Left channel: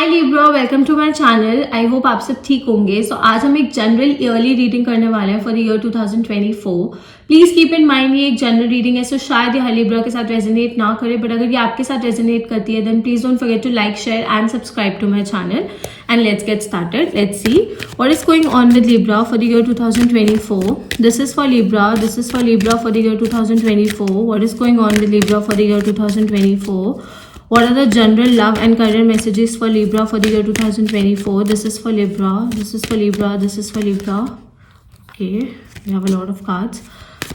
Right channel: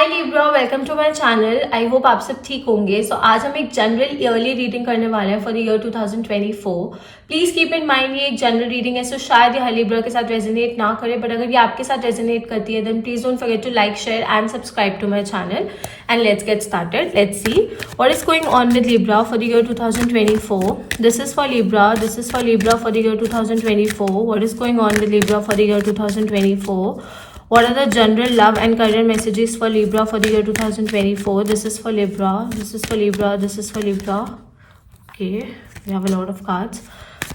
Hi Libra, welcome to my channel. I hope आप सब ठीक होंगे। आज हम एक जनरल ईयरली रीडिंग करने वाले हैं for the year 2024। Please keep in mind ये एक जनरल रीडिंग है, शायद ये लिब्रा के साथ रेजोनेट ना करे, बट अगर ये आपके साथ रेजोनेट करती है then please don't forget to like, share and subscribe to my channel. And let's get started. Let's see what is going on with Libra for the year 2024। This is for Libra, this is for Libra for the year 2024। What is going on with Libra for the year 2024? What are the general love and career messages for Libra for the year 2024? This is for Libra. This is for Libra. This is for Libra. Okay, we have a lot of cards.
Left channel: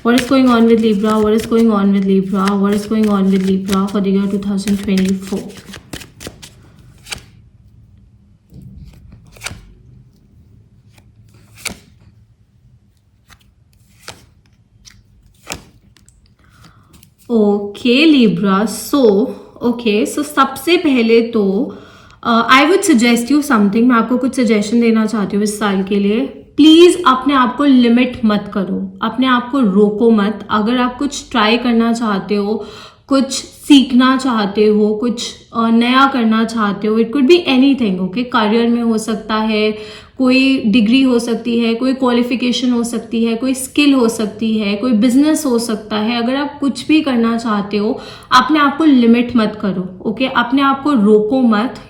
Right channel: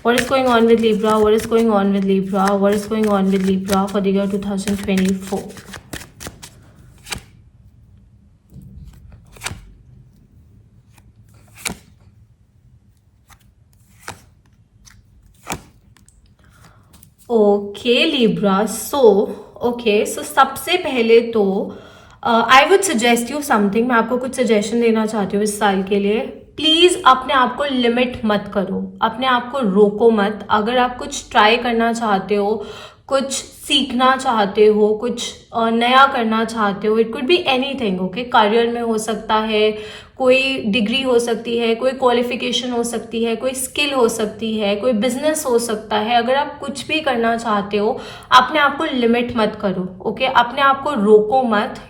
What is going on with Libra? What is going on with Libra? What is going on with Libra for the year 2024? Okay, Libra. So सबसे पहले तो I would suggest you something. मैं आपको कुछ suggestion देना चाहती हूँ इस साल के लिए। प्लीज अपने आप को लिमिट मत करो, अपने आप को रोको मत। अगर आप कुछ ट्राई करना चाहते हो, कुछ सीखना चाहते हो, कुछ नया करना चाहते हो, it could be anything. Okay, career में हो सकता है, कोई डिग्री हो सकती है, कोई क्वालिफिकेशन हो सकती है, कोई स्किल हो सकती है, कोई बिजनेस हो सकता है। अगर आप कुछ भी करना चाहते हो, अपने आप को लिमिट मत करो। ओके, अपने आप को रोको मत।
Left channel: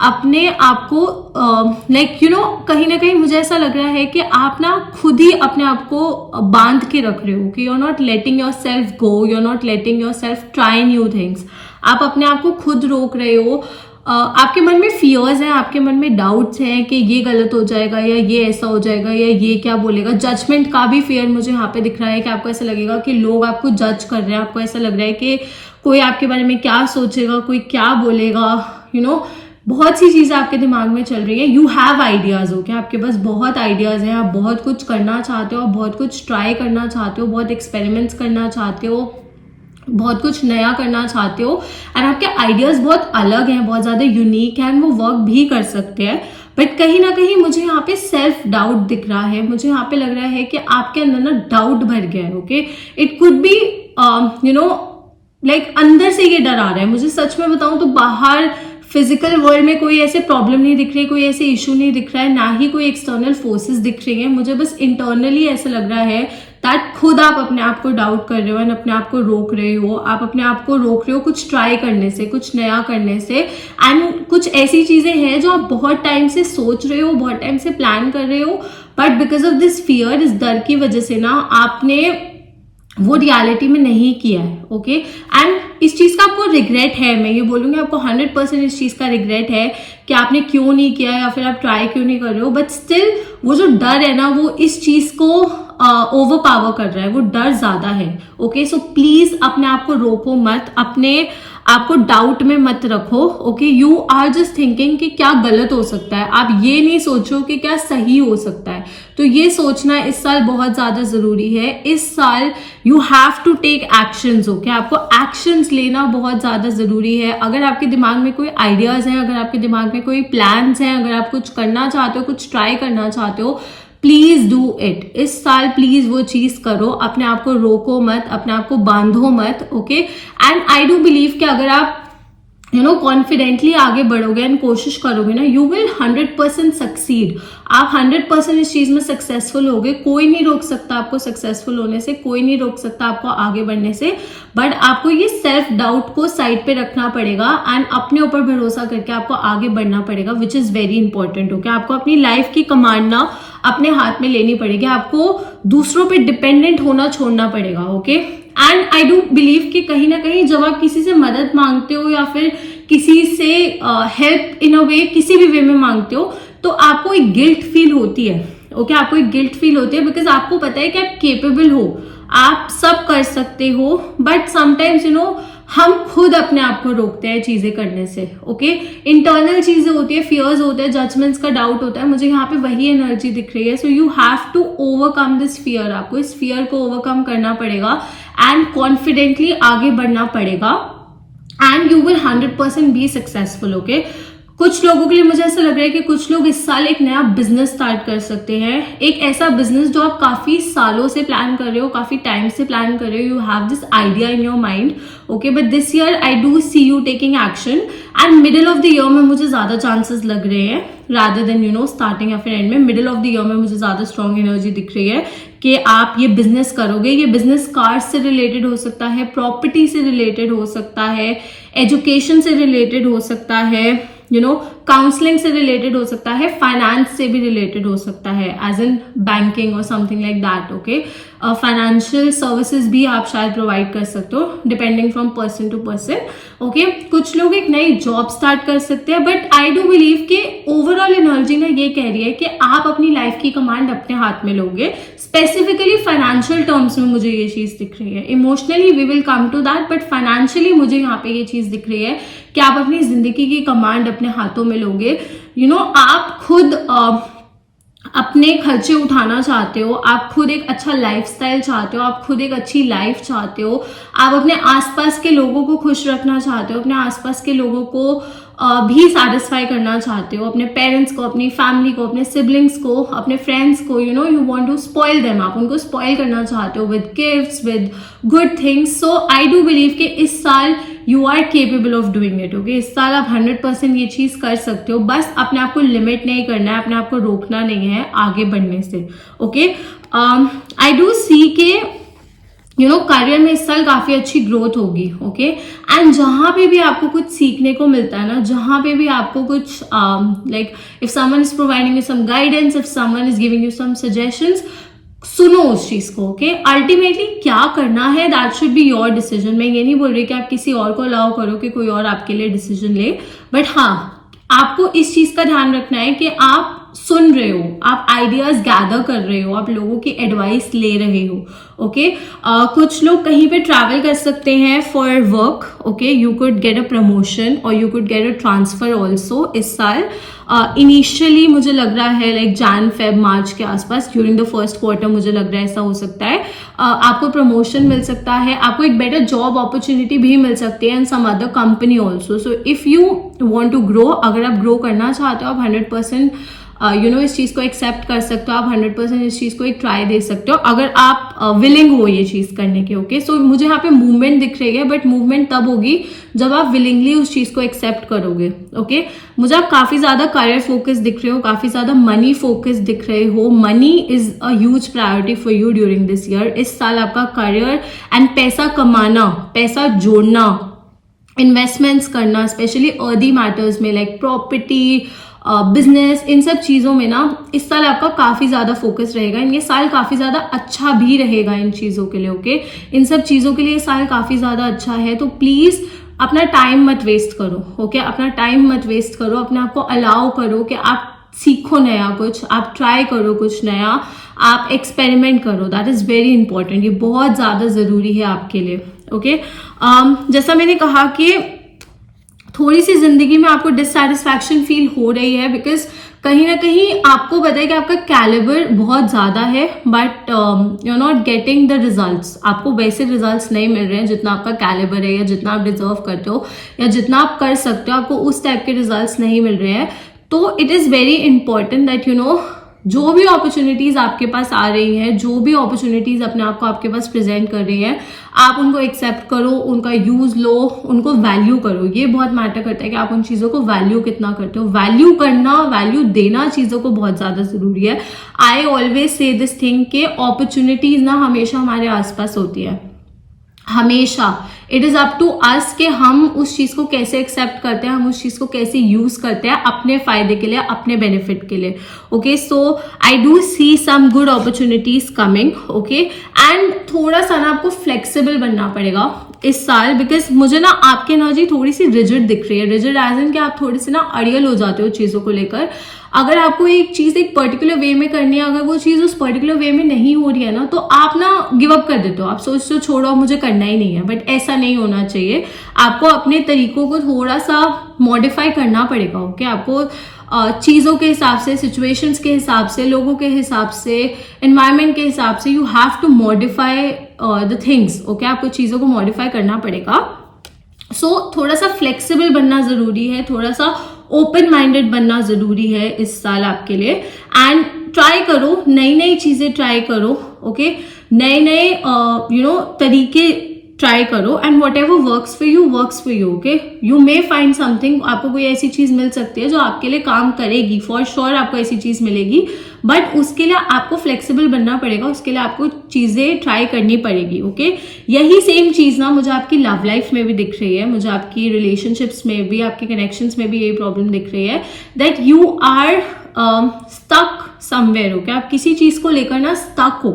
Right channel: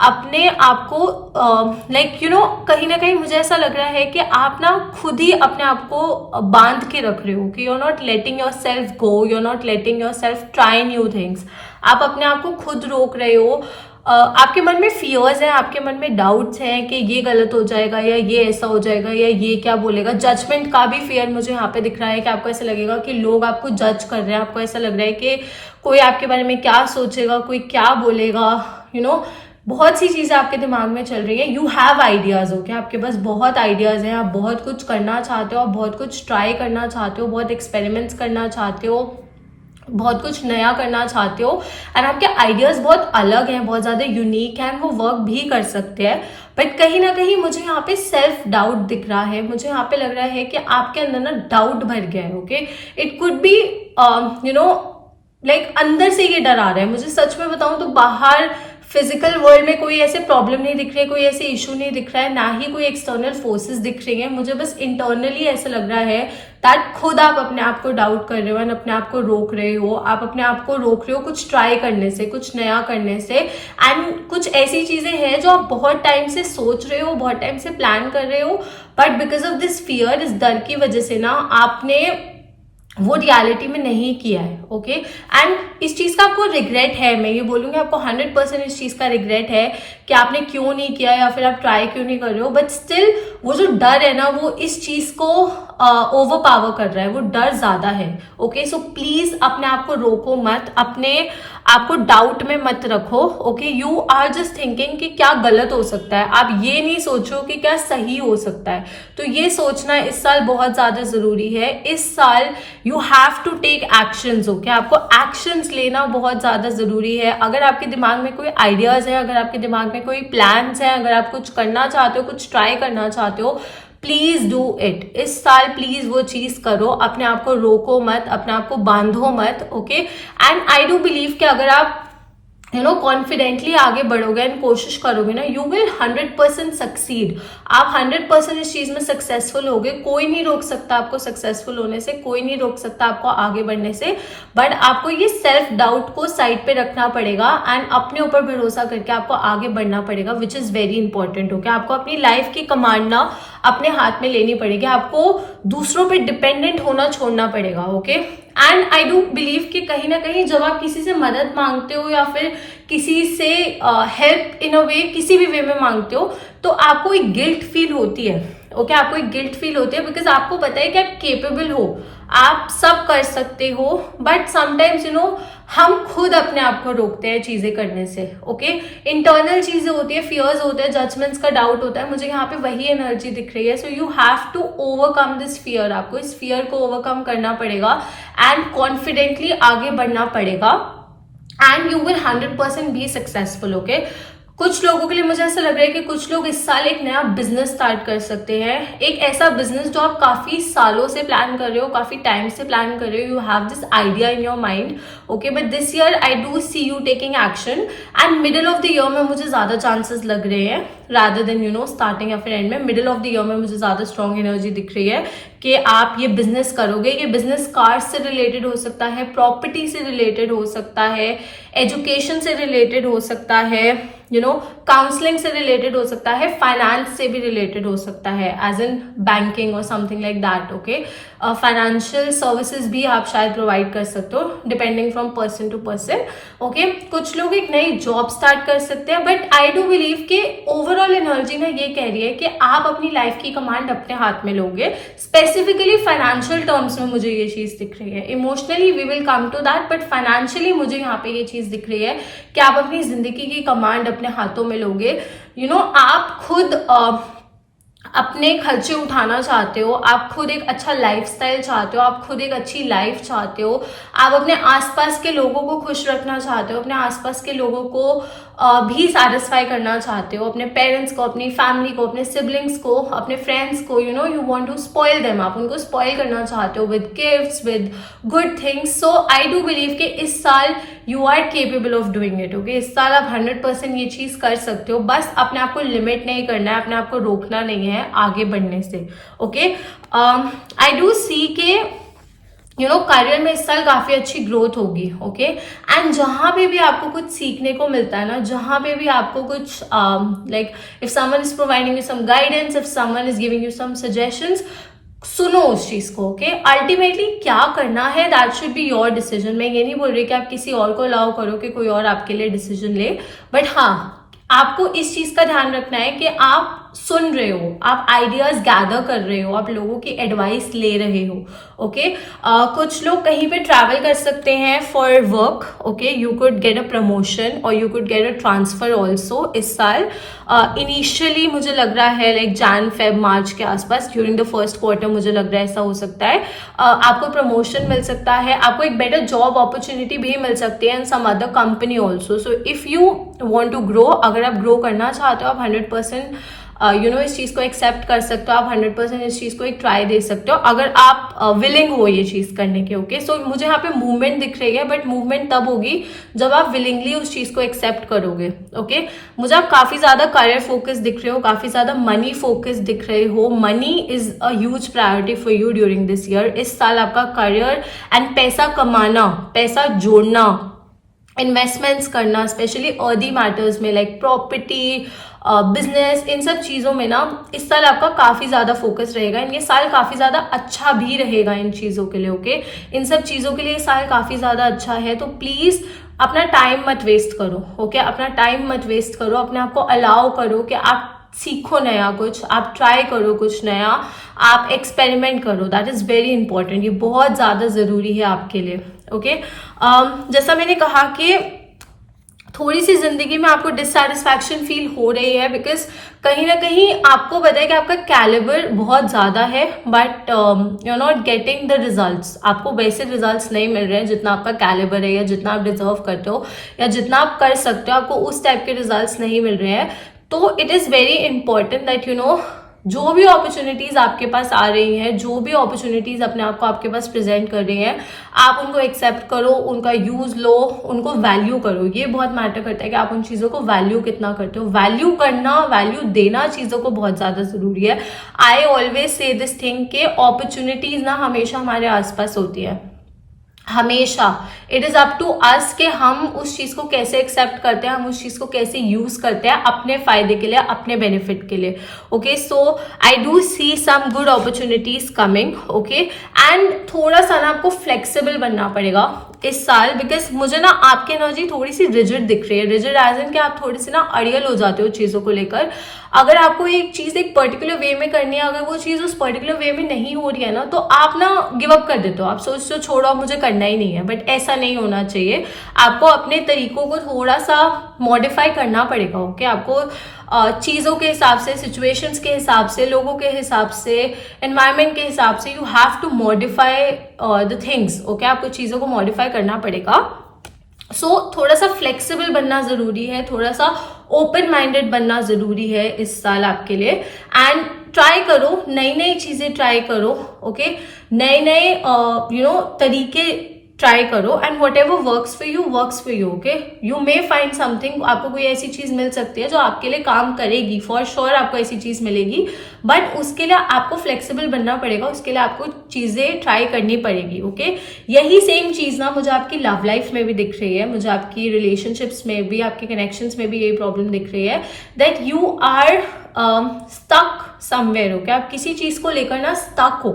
अपने आप को कहीं ना कहीं मुझे ऐसा लग रहा है कि आप ना खुद ही अपने आप को बांध के रख रहे हो कि you are not letting your self go, you are not letting your self try new things. आप अपने आप को खुद रोक रहे हो। आपके मन में फियर्स है, आपके मन में डाउट्स हैं कि ये गलत हो जाएगा या ये ऐसा हो जाएगा या ये क्या बोलेगा। जजमेंट का भी फियर मुझे यहाँ पे दिख रहा है कि आपको ऐसा लगेगा कि लोग आपको जज कर रहे हैं। आपको ऐसा लग रहा है कि कोई आपके बारे में क्या सोचेगा, कोई क्या बोलेगा। बहुत सी चीजें आपके दिमाग में चल रही है। You have ideas. ओके, आपके पास बहुत आइडियाज हैं, आप बहुत कुछ करना चाहते हो, बहुत कुछ ट्राई करना चाहते हो, बहुत एक्सपेरिमेंट्स करना चाहते हो, बहुत कुछ नया करना चाहते हो। एंड आपके आइडियाज बहुत अलग हैं, बहुत ज्यादा यूनिक हैं, वो वर्क भी कर सकते हैं। बट कहीं ना कहीं मुझे यहाँ पे सेल्फ डाउट दिख रहा है। मुझे यहाँ पे लग रहा है कि आपके अंदर ना डाउट भर गया है। ओके, इट कुड बी अंदर से ये डर आ रहा है। मुझे सच में बताऊं तो बाहर फिजिकल वर्ल्ड में कोई ऐसे प्रॉब्लम नहीं दिख रही है, कोई ऐसे इशू नहीं दिख रहा है, ना ही कोई एक्सटर्नल फोर्सेस दिख रही है। मुझे बस इंटरनली ऐसा लग रहा है दैट खुद आप अपने आप को डाउट कर रहे हो एंड अपने आप को रोक रहे हो। आप अपने आप को रोक रहे हो कुछ ट्राई करने से, कुछ नया करने से। एंड कुछ ऐसी चीजें हैं जो आप बहुत टाइम से सोच रहे हो, बहुत टाइम से प्लान कर रहे हो, but because of this fear, इस डर की वजह से ना आपने वो रियलिटी में नहीं किया है। ओके, एंड इस चीज का आपको रिग्रेट है। मैं ये बोलूंगी आपको 100% इस चीज का रिग्रेट है कि आपने क्यों नहीं किया या फिर आप ट्राई क्यों नहीं कर रहे हो। बट स्टिल वो जो डर है ना, वो इस चीज को ओवर पावर कर रहा है, वो डर ज्यादा है। ओके, सो प्लीज अपने आप को रोको मत, अपने आपको डाउट में मत रखो। Okay, you are just thinking कि क्या गलत हो सकता है। आप ये नहीं सोचो कि क्या सही हो सकता है। तो ये सोचना इस साल बहुत ज्यादा जरूरी है। इस साल you have to take actions. Okay, आपको एक्शंस लेना बहुत ज्यादा जरूरी है। अगर आपके दिमाग में कोई आइडियाज है, अगर आपके दिमाग में कोई प्लान्स हैं, अगर आप कुछ करना चाहते हो, कुछ ट्राई करना चाहते हो, प्लीज डू इट। इस साल प्लीज वो चीज करो। अपने आप को रोको मत, अपने आप को बांधो मत। Okay, and I do believe कि अगर आप कॉन्फिडेंटली आगे बढ़ोगे एंड कोशिश करोगे ना, यू विल 100% सक्सीड। आप 100% इस चीज में सक्सेसफुल होगे। कोई नहीं रोक सकता आपको सक्सेसफुल होने से, कोई नहीं रोक सकता आपको आगे बढ़ने से। बट आपको ये सेल्फ डाउट को साइड पे रखना पड़ेगा एंड अपने ऊपर भरोसा करके आपको आगे बढ़ना पड़ेगा, which is very important. Okay, आपको अपनी लाइफ की कमांड ना अपने हाथ में लेनी पड़ेगी। आपको दूसरों पे डिपेंडेंट होना छोड़ना पड़ेगा। Okay, and I do believe कि कहीं ना कहीं जब आप किसी से मदद मांगते हो या फिर किसी से हेल्प इन अ वे, किसी भी वे में मांगते हो, तो आपको एक गिल्ट फील होती है। ओके, आपको एक गिल्ट फील होती है बिकॉज आपको पता है कि आप केपेबल हो, आप सब कर सकते हो। बट समटाइम्स हम खुद अपने आप को रोकते हैं चीजें करने से। ओके, इंटरनल चीजें होती है, फियर्स होते हैं, जजमेंट्स का डाउट होता है। मुझे यहाँ पे वही एनर्जी दिख रही है। So you have to overcome this fear. आपको इस फियर को ओवरकम करना पड़ेगा एंड कॉन्फिडेंटली आगे बढ़ना पड़ेगा and you will 100% be successful. Okay, कुछ लोगों के लिए मुझे ऐसा लग रहा है कि कुछ लोग इस साल एक नया बिजनेस स्टार्ट कर सकते हैं, एक ऐसा बिजनेस जो आप काफी सालों से प्लान कर रहे हो, काफी टाइम से प्लान कर रहे हो, you have this idea in your mind, okay, but this year I do see you taking action and middle of the year में मुझे ज्यादा चांसेस लग रहे हैं रादर देन स्टार्टिंग या फिर एंड में। मिडिल ऑफ द ईयर में मुझे ज्यादा स्ट्रॉन्ग एनर्जी दिख रही है कि आप ये बिजनेस करोगे। ये बिजनेस कार से रिलेटेड हो सकता है, प्रॉपर्टी से रिलेटेड हो सकता है, एजुकेशन से रिलेटेड हो सकता है, काउंसलिंग से रिलेटेड हो सकता है, फाइनेंस से भी रिलेटेड हो सकता है, एज इन बैंकिंग और something like that, okay. Financial services भी आप शायद प्रोवाइड कर सकते हो, depending from person to person, okay. कुछ लोग एक नई जॉब स्टार्ट कर सकते हैं, बट आई डू बिलीव कि ओवरऑल एनर्जी ना ये कह रही है कि आप अपनी लाइफ की कमांड अपने हाथ में लोगे। स्पेसिफिकली फाइनेंशियल टर्म्स में मुझे ये चीज दिख रही है। Emotionally we will come to that, but financially मुझे यहाँ पे ये चीज दिख रही है कि आप अपनी जिंदगी की कमांड अपने हाथों में लोगे। आप खुद अपने खर्चे उठाना चाहते हो, आप खुद एक अच्छा लाइफस्टाइल चाहते हो, आप खुद एक अच्छी लाइफ चाहते हो, आप अपने आसपास के लोगों को खुश रखना चाहते हो, अपने आसपास के लोगों को भी सेटिस्फाई करना चाहते हो, अपने पेरेंट्स को, अपनी फैमिली को, अपने सिबलिंग्स को, अपने फ्रेंड्स को, you want to spoil them, आप उनको स्पॉइल करना चाहते हो with gifts, with good things. So I do believe कि इस साल you are capable of doing it, okay. इस साल आप 100% ये चीज कर सकते हो, बस अपने आप को लिमिट नहीं करना है, अपने आप को रोकना नहीं है आगे बढ़ने से, ओके। आई डू सी के करियर में इस साल काफी अच्छी ग्रोथ होगी, ओके। एंड जहां पे भी आपको कुछ सीखने को मिलता है ना, जहां पे भी आपको कुछ like if someone is providing you some guidance, if someone is giving you some suggestions, सुनो उस चीज को, ओके। अल्टीमेटली क्या करना है that should be your decision. मैं ये नहीं बोल रही कि आप किसी और को अलाउ करो कि कोई और आपके लिए डिसीजन ले, बट हाँ, आपको इस चीज का ध्यान रखना है कि आप सुन रहे हो, आप आइडियाज गैदर कर रहे हो, आप लोगों की एडवाइस ले रहे हो, ओके। कुछ लोग कहीं पे ट्रैवल कर सकते हैं for work, okay. You could get a promotion और you could get a transfer also इस साल। इनिशियली मुझे लग रहा है लाइक जैन फेब मार्च के आसपास, ड्यूरिंग द फर्स्ट क्वार्टर मुझे लग रहा है ऐसा हो सकता है। आपको प्रमोशन मिल सकता है, आपको एक बेटर जॉब अपॉर्चुनिटी भी मिल सकती है in some other company also. So if you want to grow, अगर आप ग्रो करना चाहते हो, आप 100% इस चीज को एक्सेप्ट कर सकते हो, आप 100% इस चीज को एक ट्राई दे सकते हो अगर आप विलिंग हो ये चीज करने के, ओके। सो मुझे यहाँ पे मूवमेंट दिख रही है, बट मूवमेंट तब होगी जब आप विलिंगली उस चीज को एक्सेप्ट करोगे, ओके। मुझे आप काफी ज्यादा करियर फोकस दिख रहे हो, काफी ज्यादा मनी फोकस दिख रहे हो। Money is a huge priority for you during this year. इस साल आपका करियर एंड पैसा कमाना, पैसा जोड़ना, इन्वेस्टमेंट्स करना, स्पेशली अर्दी मैटर्स में लाइक प्रॉपर्टी, बिजनेस, इन सब चीजों में ना इस साल आपका काफी ज्यादा फोकस रहेगा। ये साल काफी ज्यादा अच्छा भी रहेगा इन चीजों के लिए, ओके। इन सब चीजों के लिए ये साल काफी ज्यादा अच्छा है। तो प्लीज अपना टाइम मत वेस्ट करो, ओके। अपना टाइम मत वेस्ट करो, अपने आप को अलाउ करो कि आप सीखो नया कुछ, आप ट्राई करो कुछ नया, आप एक्सपेरिमेंट करो। दैट इज वेरी इंपॉर्टेंट, ये बहुत ज्यादा जरूरी है आपके लिए, ओके। जैसा मैंने कहा कि थोड़ी सी जिंदगी में आपको डिससैटिस्फैक्शन फील हो रही है, बिकॉज कहीं ना कहीं आपको पता है कि आपका कैलिबर बहुत ज्यादा है, but you not getting the results. आपको वैसे रिजल्ट्स नहीं मिल रहे हैं जितना आपका कैलिबर है, या जितना आप डिजर्व करते हो, या जितना आप कर सकते हो, आपको उस टाइप के रिजल्ट्स नहीं मिल रहे हैं। तो it is very important that जो भी अपॉर्चुनिटीज आपके पास आ रही हैं, जो भी अपॉर्चुनिटीज अपने आप को आपके पास प्रेजेंट कर रही हैं, आप उनको एक्सेप्ट करो, उनका यूज लो, उनको वैल्यू करो। ये बहुत मैटर करता है कि आप उन चीजों को वैल्यू कितना करते हो। वैल्यू करना, वैल्यू देना चीजों को बहुत ज्यादा जरूरी है। I always say this thing के अपॉर्चुनिटीज ना हमेशा हमारे आसपास होती है, हमेशा। It is up to us कि हम उस चीज को कैसे एक्सेप्ट करते हैं, हम उस चीज को कैसे यूज करते हैं अपने फायदे के लिए, अपने बेनिफिट के लिए, okay. So I do see some good opportunities coming, okay. And थोड़ा सा ना आपको फ्लेक्सिबल बनना पड़ेगा इस साल, बिकॉज मुझे ना आपकी एनर्जी थोड़ी सी रिजिड दिख रही है। रिजिड एज इन कि आप थोड़ी सी ना अड़ियल हो जाते हो चीजों को लेकर। अगर आपको एक चीज एक पर्टिकुलर वे में करनी है, अगर वो चीज उस पर्टिकुलर वे में नहीं हो रही है ना, तो आप ना गिव अप कर देते हो, आप सोचते हो छोड़ो मुझे करना ही नहीं है। बट ऐसा नहीं होना चाहिए, आपको अपने तरीकों को थोड़ा सा मॉडिफाई करना पड़ेगा, ओके। आपको चीजों के हिसाब से, सिचुएशंस के हिसाब से, लोगों के हिसाब से, एनवायरमेंट के हिसाब से, you have to modify the things, okay. आपको चीजों को मॉडिफाई करना पड़ेगा। सो थोड़ा सा फ्लेक्सिबल बनना जरूरी है, थोड़ा सा ओपन माइंडेड बनना जरूरी है इस साल आपके लिए। एंड ट्राई करो, नई नई चीजें ट्राई करो, ओके, नए नए तरीके ट्राई करो, and what ever works for you, okay. You may find something, आपको कोई ऐसी चीज मिल सकती है जो आपके लिए काम करेगी, फॉर श्योर आपको ऐसी चीज मिलेगी, बट उसके लिए आपको फ्लेक्सिबल बनना पड़ेगा, उसके लिए आपको चीजें ट्राई करनी पड़ेगी, ओके। यही सेम चीज ना मुझे आपकी लव लाइफ में भी दिख रही है, मुझे आपकी रिलेशनशिप्स में भी, आपके कनेक्शंस में भी यही प्रॉब्लम दिख रही है, that you are stuck somewhere, okay. आप किसी चीज को लेकर ना स्टक हो,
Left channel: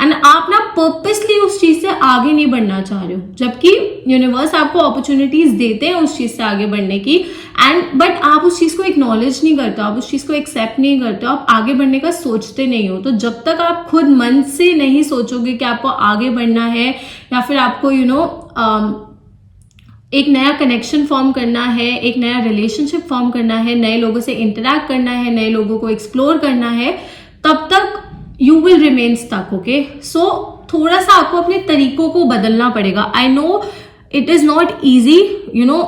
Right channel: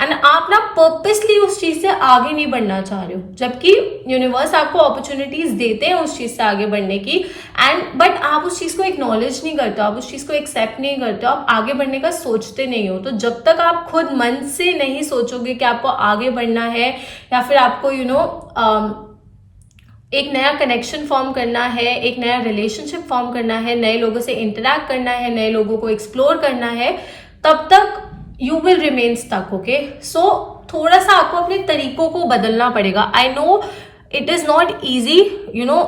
एंड आप ना पर्पसली उस चीज से आगे नहीं बढ़ना चाह रहे हो, जबकि यूनिवर्स आपको अपॉर्चुनिटीज देते हैं उस चीज से आगे बढ़ने की, एंड बट आप उस चीज को एक्नॉलेज नहीं करते, आप उस चीज को एक्सेप्ट नहीं करते, आप आगे बढ़ने का सोचते नहीं हो। तो जब तक आप खुद मन से नहीं सोचोगे कि आपको आगे बढ़ना है, या फिर आपको एक नया कनेक्शन फॉर्म करना है, एक नया रिलेशनशिप फॉर्म करना है, नए लोगों से इंटरेक्ट करना है, नए लोगों को एक्सप्लोर करना है, तब तक you will remain stuck, okay. So थोड़ा सा आपको अपने तरीकों को बदलना पड़ेगा। I know it is not easy,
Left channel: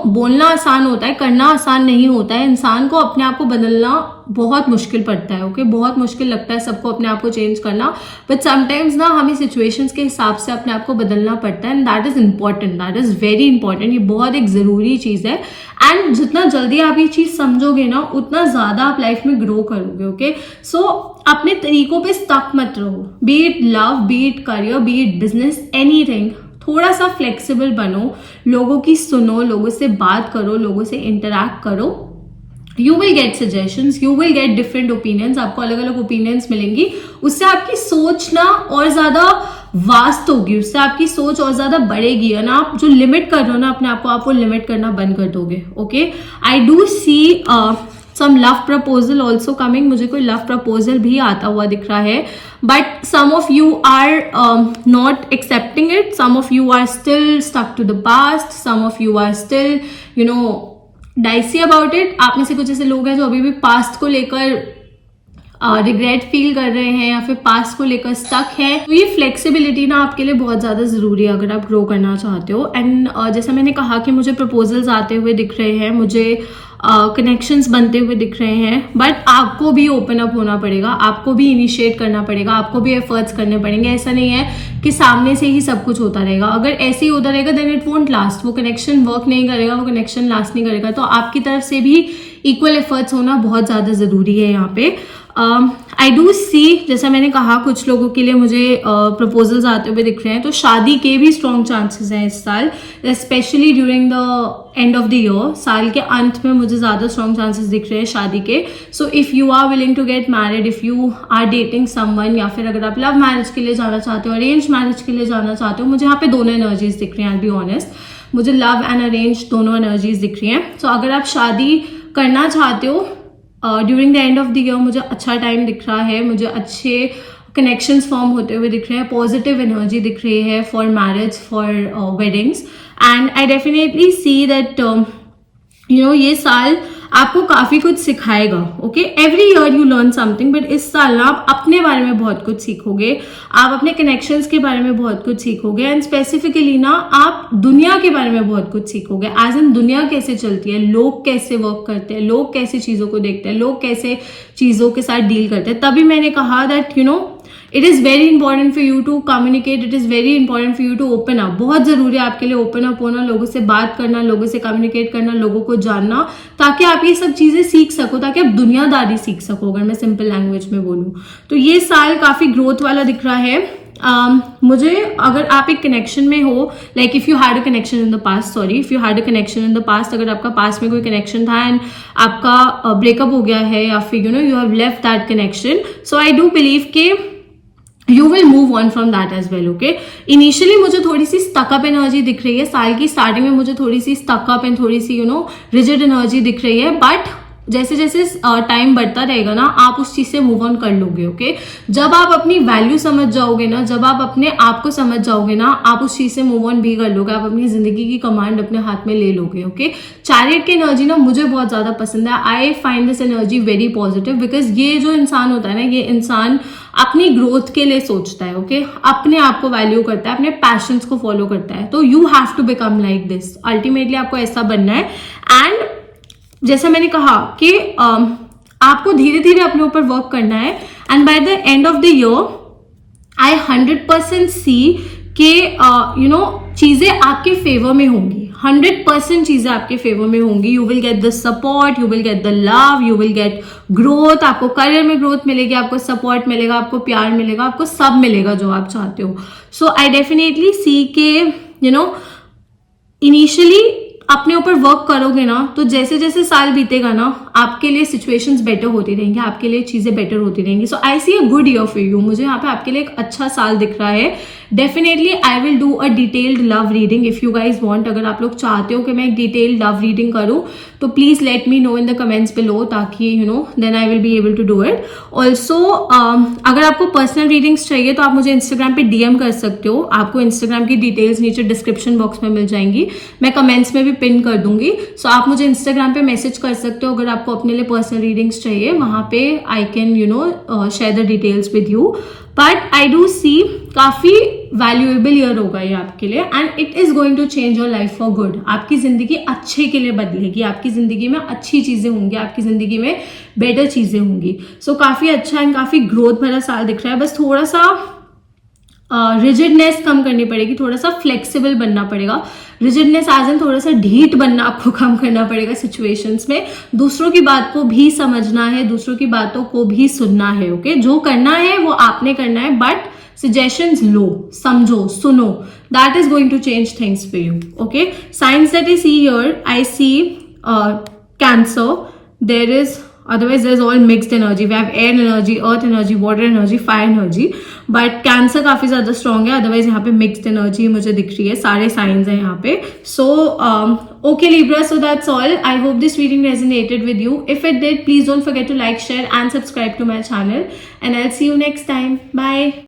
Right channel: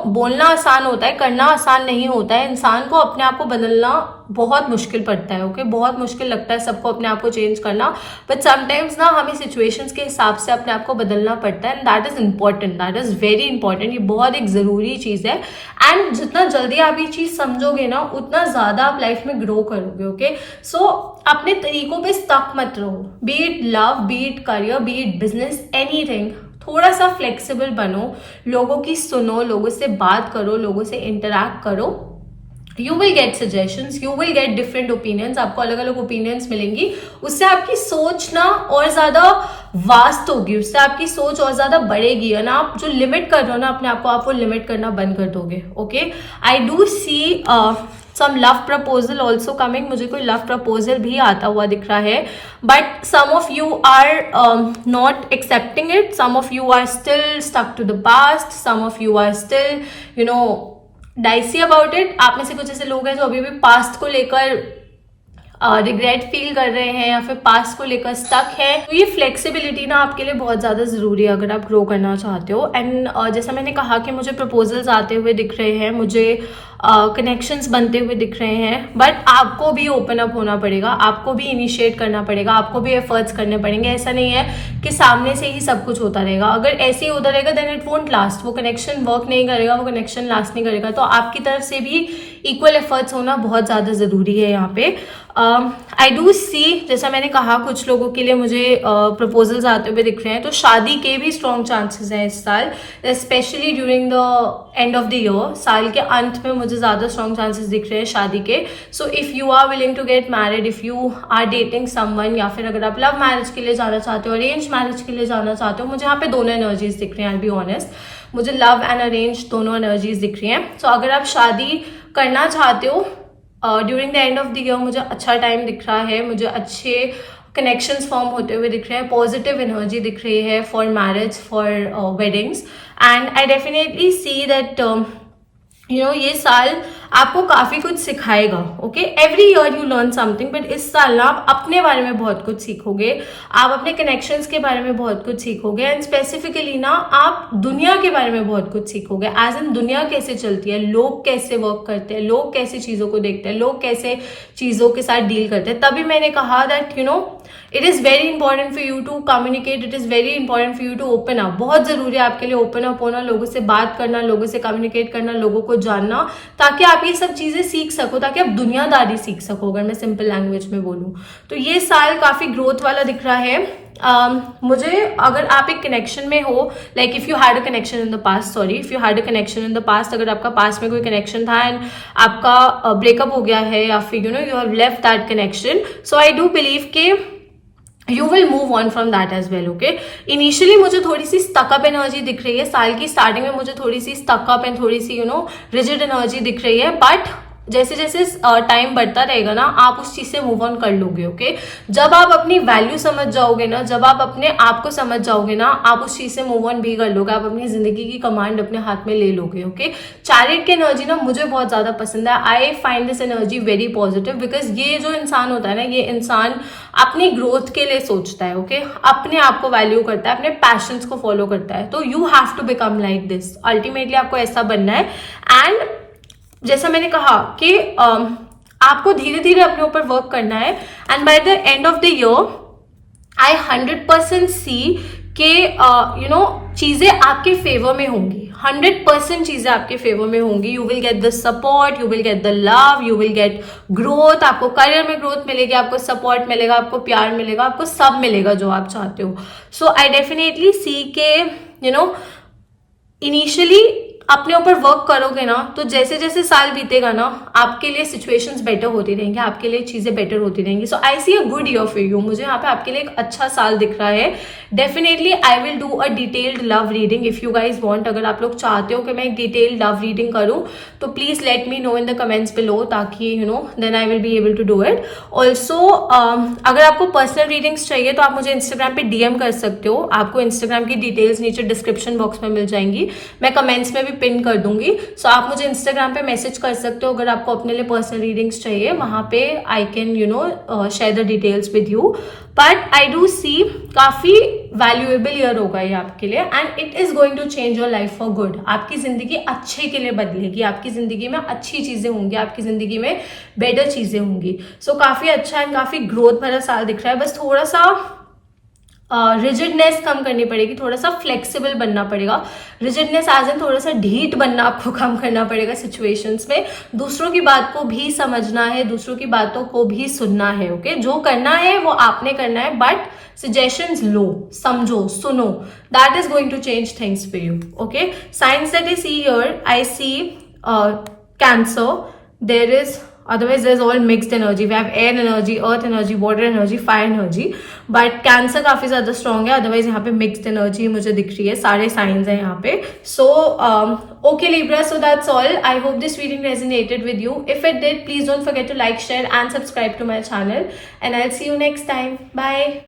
बोलना आसान होता है, करना आसान नहीं होता है। इंसान को अपने आप को बदलना बहुत मुश्किल पड़ता है, ओके। बहुत मुश्किल लगता है सबको अपने आप को चेंज करना, बट समटाइम्स ना हमें सिचुएशंस के हिसाब से अपने आप को बदलना पड़ता है, and that is important, that is very important. ये बहुत एक जरूरी चीज है, एंड जितना जल्दी आप ये चीज समझोगे ना, उतना ज्यादा आप लाइफ में ग्रो करोगे, ओके। सो अपने तरीकों पे स्टक मत रहो, B it love, B it career, B it business, anything. थोड़ा सा फ्लेक्सिबल बनो, लोगों की सुनो, लोगों से बात करो, लोगों से इंटरैक्ट करो। You will get suggestions, you will get different opinions, आपको अलग अलग ओपिनियंस मिलेंगी, उससे आपकी सोच ना और ज्यादा वास्ट होगी, उससे आपकी सोच और ज्यादा बढ़ेगी, है ना। आप जो लिमिट कर रहे हो ना अपने आप को, आप वो लिमिट करना बंद कर दोगे, okay. I do see some love proposal also coming, मुझे कोई love proposal भी आता हुआ दिख रहा है, but some of you are not accepting it, some of you are still stuck to the past, some of you are still dicey about it। आप में से कुछ ऐसे लोग हैं जो अभी भी पास्ट को लेकर रिग्रेट फील कर रहे हैं, या फिर पास्ट को लेकर स्टक है। तो ये फ्लेक्सिबिलिटी ना आपके लिए बहुत ज्यादा जरूरी है अगर आप ग्रो करना चाहते हो। एंड जैसा मैंने कहा कि मुझे प्रपोजल्स आते हुए दिख रहे हैं, मुझे कनेक्शंस बनते हुए दिख रहे हैं, बट आपको भी ओपन अप होना पड़ेगा, आपको भी इनिशिएट करना पड़ेगा, आपको भी एफर्ट्स करने पड़ेंगे। ऐसा नहीं है कि सामने से ही सब कुछ होता रहेगा। अगर ऐसे ही होता रहेगा देन इट वोंट लास्ट, वो कनेक्शन वर्क नहीं करेगा, वो कनेक्शन लास्ट नहीं करेगा। तो आपकी तरफ से भी इक्वल एफर्ट्स होना बहुत ज्यादा जरूरी है यहाँ पे। आई डू सी, जैसा मैंने कहा, कुछ लोगों के लिए मुझे प्रपोजल्स आते हुए दिख रहे हैं, तो शादी के भी स्ट्रॉन्ग चांसेस हैं इस साल, specially during the end of the year. साल के अंत में मुझे ज्यादा स्ट्रॉन्ग चांसेस दिख रहे हैं शादी के। So if you are willing to get married, if you are dating someone, या फिर अगर आप लव मैरिज के लिए जाना चाहते हो, अरेंज मैरिज के लिए जाना चाहते हो, मुझे यहाँ पे दोनों एनर्जीज दिख रही हैं, आई बी ऑनेस्ट। मुझे लव एंड अरेंज दोनों एनर्जीज दिख रही हैं। सो अगर आप शादी करना चाहते हो during the end of the year, मुझे अच्छा टाइम दिख रहा है, मुझे अच्छे कनेक्शंस फॉर्म होते हुए दिख रहे हैं, पॉजिटिव एनर्जी दिख रही है for marriage, for weddings. And I definitely see that ये साल आपको काफी कुछ सिखाएगा, okay. Every year you learn something, but इस साल ना आप अपने बारे में बहुत कुछ सीखोगे, आप अपने कनेक्शंस के बारे में बहुत कुछ सीखोगे, एंड स्पेसिफिकली ना आप दुनिया के बारे में बहुत कुछ सीखोगे। एज इन दुनिया कैसे चलती है, लोग कैसे वर्क करते हैं, लोग कैसे चीजों को देखते हैं, लोग कैसे चीजों के साथ डील करते हैं। तभी मैंने कहा that it is very important for you to communicate, it is very important for you to open up. बहुत जरूरी है आपके लिए ओपन अप होना, लोगों से बात करना, लोगों से कम्युनिकेट करना, लोगों को जानना, ताकि आप ये सब चीजें सीख सको, ताकि आप दुनियादारी सीख सको, अगर मैं सिंपल लैंग्वेज में बोलूं तो। ये साल काफी ग्रोथ वाला दिख रहा है। मुझे, अगर आप एक कनेक्शन में हो, like if you had a connection in the past, sorry, if you had a connection in the past, अगर आपका पास्ट में कोई कनेक्शन था एंड आपका ब्रेकअप हो गया है, या फिर you have left that connection, so I do believe के you will move on from that as well, okay। Initially मुझे थोड़ी सी स्टकअप एनर्जी दिख रही है, साल की स्टार्टिंग में मुझे थोड़ी सी स्टकअप एंड थोड़ी सी रिजिड एनर्जी दिख रही है, बट जैसे जैसे टाइम बढ़ता रहेगा ना, आप उस चीज से मूव ऑन कर लोगे, ओके। जब आप अपनी वैल्यू समझ जाओगे ना, जब आप अपने आप को समझ जाओगे ना, आप उस चीज से मूव ऑन भी कर लोगे, आप अपनी जिंदगी की कमांड अपने हाथ में ले लोगे, ओके। चैरियट की एनर्जी ना मुझे बहुत ज्यादा पसंद है। I find this energy very positive, because ये जो इंसान होता है ना, ये इंसान अपनी ग्रोथ के लिए सोचता है, ओके। अपने आप को वैल्यू करता है, अपने पैशंस को फॉलो करता है। तो you have to become like this, ultimately आपको ऐसा बनना है। एंड जैसा मैंने कहा कि आपको धीरे धीरे अपने ऊपर वर्क करना है, and by the end of the year I 100% सी के चीजें आपके फेवर में होंगी, 100% चीजें आपके फेवर में होंगी. You will get the support, you will get the love, you will get growth. आपको करियर में ग्रोथ मिलेगी, आपको सपोर्ट मिलेगा, आपको प्यार मिलेगा, आपको सब मिलेगा जो आप चाहते हो. सो आई डेफिनेटली सी के इनिशियली अपने ऊपर वर्क करोगे ना, तो जैसे जैसे साल बीतेगा ना, आपके लिए सिचुएशंस बेटर होती रहेंगी, आपके लिए चीजें बेटर होती रहेंगी. So I see a good year for you. मुझे यहाँ पे आपके लिए एक अच्छा साल दिख रहा है. Definitely I will do a detailed love reading if you guys want. अगर आप लोग चाहते हो कि मैं एक डिटेल्ड लव रीडिंग करूं, तो please let me know in the comments below, ताकि then I will be able to do it. Also अगर आपको पर्सनल रीडिंग्स चाहिए तो आप मुझे इंस्टाग्राम पे डीएम कर सकते हो. आपको इंस्टाग्राम की डिटेल्स नीचे डिस्क्रिप्शन बॉक्स में मिल जाएंगी, मैं कमेंट्स में भी पिन कर दूंगी. सो आप मुझे इंस्टाग्राम पे मैसेज कर सकते हो अगर आपको अपने लिए पर्सनल रीडिंग्स चाहिए. वहां पे I can share the details with you. But I do see काफी वैल्यूएबल ईयर होगा ये आपके लिए, and it is going to change your life for good. आपकी जिंदगी अच्छे के लिए बदलेगी, आपकी जिंदगी में अच्छी चीजें होंगी, आपकी जिंदगी में बेटर चीजें होंगी. सो काफी अच्छा एंड काफी ग्रोथ भरा साल दिख रहा है. बस थोड़ा सा रिजिडनेस कम करनी पड़ेगी, थोड़ा सा फ्लेक्सिबल बनना पड़ेगा. रिजिडनेस आज इन थोड़ा सा ढीठ बनना आपको कम करना पड़ेगा सिचुएशंस में. दूसरों की बात को भी समझना है, दूसरों की बातों को भी सुनना है. ओके, जो करना है वो आपने करना है, बट suggestions लो, समझो, सुनो. That is going to change things for you. Okay, signs that I see here, I see Cancer. There is, otherwise there's all mixed energy. We have air energy, earth energy, water energy, fire energy. But cancer काफी ज्यादा strong है. Otherwise यहाँ पे mixed energy मुझे दिख रही है. सारे साइंस है यहाँ पे. So okay Libra, so that's all. I hope this reading resonated with you. If it did, please don't forget to like, share and subscribe to my channel, and I'll see you next time. Bye.